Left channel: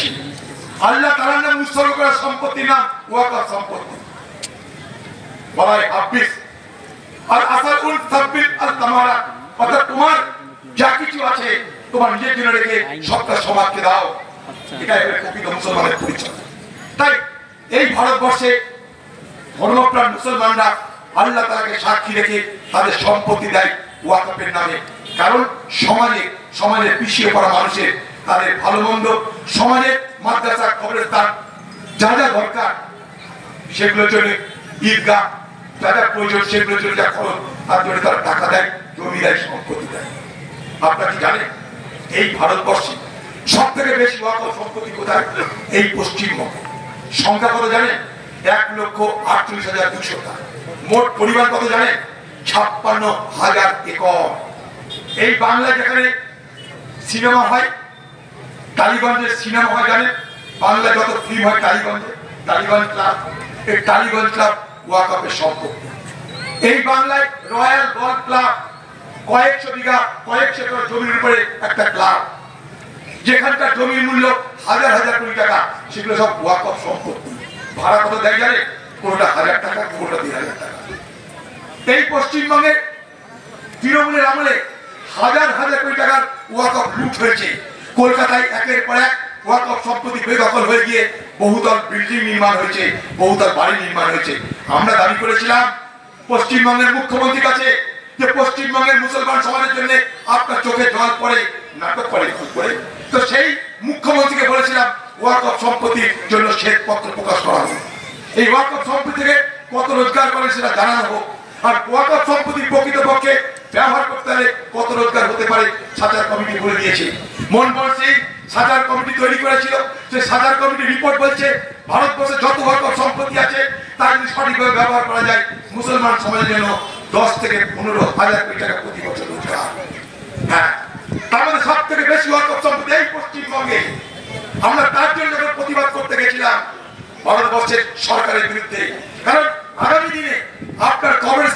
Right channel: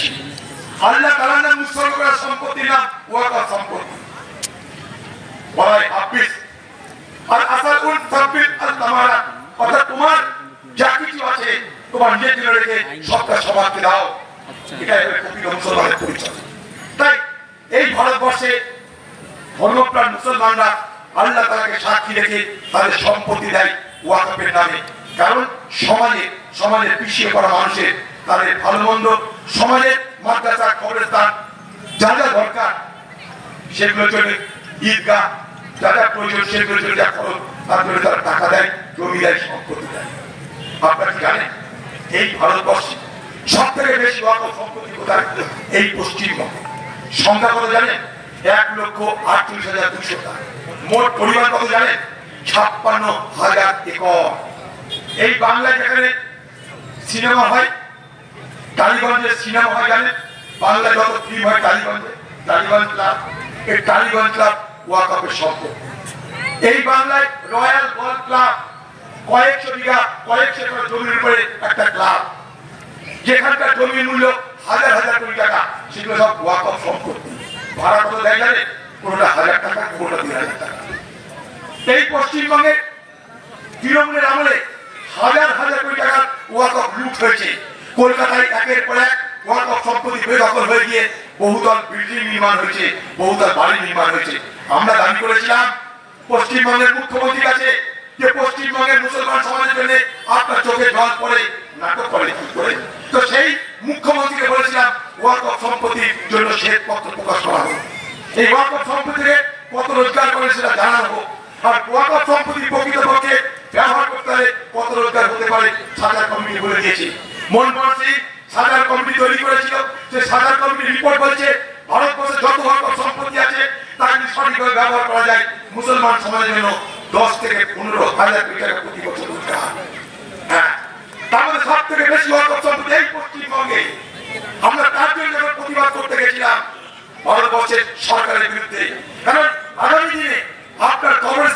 বেশি। আল্লাহ তাআলার নাম উৎসর্গ করা সম্পত্তি না, ওয়াকফ সম্পত্তি। বলা হয় হাফিজ আর আসালুল সাবিল আল তামারাত, অর্থাৎ তোমার যা কিছু আছে তোমার নিজের জন্য রেখে সবটা সমাজকে দাও। এটা প্রকৃত মুসলমানের পরিচয়। তাই এই ভারতবর্ষে ধর্মপ্রাণ মুসলমানরা আল্লাহ তাআলাকে সাক্ষী রেখে তাদের সম্পত্তি দেয় ওয়াকফের নামে। কারণ সমাজের পিছিয়ে পড়া মানুষের তাদের ভালো মন্দ, সমাজের মাদ্রাসা, কবরস্থান যা যা দরকার সেগুলোর জন্য, ঈদগাহ যা যা প্রয়োজন সেগুলোর জন্য যা খরচ তার জন্য তারা টাকা দেয়, জমি দেয়, সম্পত্তি দেয়। আপনারা কি জানেন এই ভারতবর্ষে সব থেকে বেশি ওয়াকফ সম্পত্তি কোথায়? এই পশ্চিমবঙ্গে। সংখ্যা কত জানেন? 1,38,200। মোট পরিমাণ কত জানেন? 56,000 একর। এই বাংলায় যেখানে সিনেমা হয়, টালিগঞ্জে সিনেমা হয় জানেন, বাংলায় যত ফিল্ম হয় টালিগঞ্জে, টালিগঞ্জ ক্লাব, এই টালিগঞ্জ ক্লাব ওয়াকফের সম্পত্তি। এই বাংলায় রয়্যাল গলফ ক্লাব, কয়েকশো বিঘা, কয়েকশো একর জমির উপরে একটা ক্লাব, যেখানকার জমির মূল্য হাজার হাজার কোটি টাকা, সেগুলো সব ওয়াকফ সম্পত্তি। ভাড়া কত দেয় জানেন? কোনটা 1000 টাকা, কোনটা 2000 টাকা। এই পশ্চিমবঙ্গে তৃণমূলের আমলে হাজার হাজার কোটি টাকার ওয়াকফ লুট হয়েছে। কলকাতায় একের পর এক ওয়াকফ সম্পত্তি বেদখল হয়ে গিয়ে বহুতল বিল্ডিং নির্মাণ হয়েছে, বহুতল বাড়ি নির্মাণ হয়েছে। আমরা দাবি করেছিলাম পশ্চিমবঙ্গের মুখ্যমন্ত্রীর কাছে যে পশ্চিমবঙ্গের মুসলমান সমাজের জন্য আপনার চোখে জল পড়ে, নাটক করে কি করে। তো সেই মুখ্যমন্ত্রীকে বলেছিলাম ওয়াকফ সম্পত্তির জন্য শ্বেতপত্র প্রকাশ করা হোক, এই ওয়াকফ সম্পত্তি থেকে কত রোজগার করে সেটা জানানো হোক, আর ওয়াকফ সম্পত্তি প্রকৃতপক্ষে ব্যবহার করতে হলে কত রোজগার হতে পারে সাজার কমিটি বলে দিয়েছে। মনমোহন সিং সাজার কমিটি তৈরি করেছিল, যে সাজার কমিটি রিপোর্ট বলছে ভারতবর্ষে যত ওয়াকফ সম্পত্তি আছে তা যদি সঠিকভাবে ব্যবহার করা যায় মুসলমান সমাজের জন্য 10 থেকে 15,000 কোটি টাকা প্রতি বছর রোজগার। হ্যাঁ, তার মধ্যে সব থেকে বেশি ওয়াকফ সম্পত্তি এই পশ্চিমবঙ্গে। আমরা তার জন্য প্রতিবাদ করতে গেছিলাম ভারতবর্ষের সরকারের বিরুদ্ধে। কারণ আগামী দিনে আপনার কবর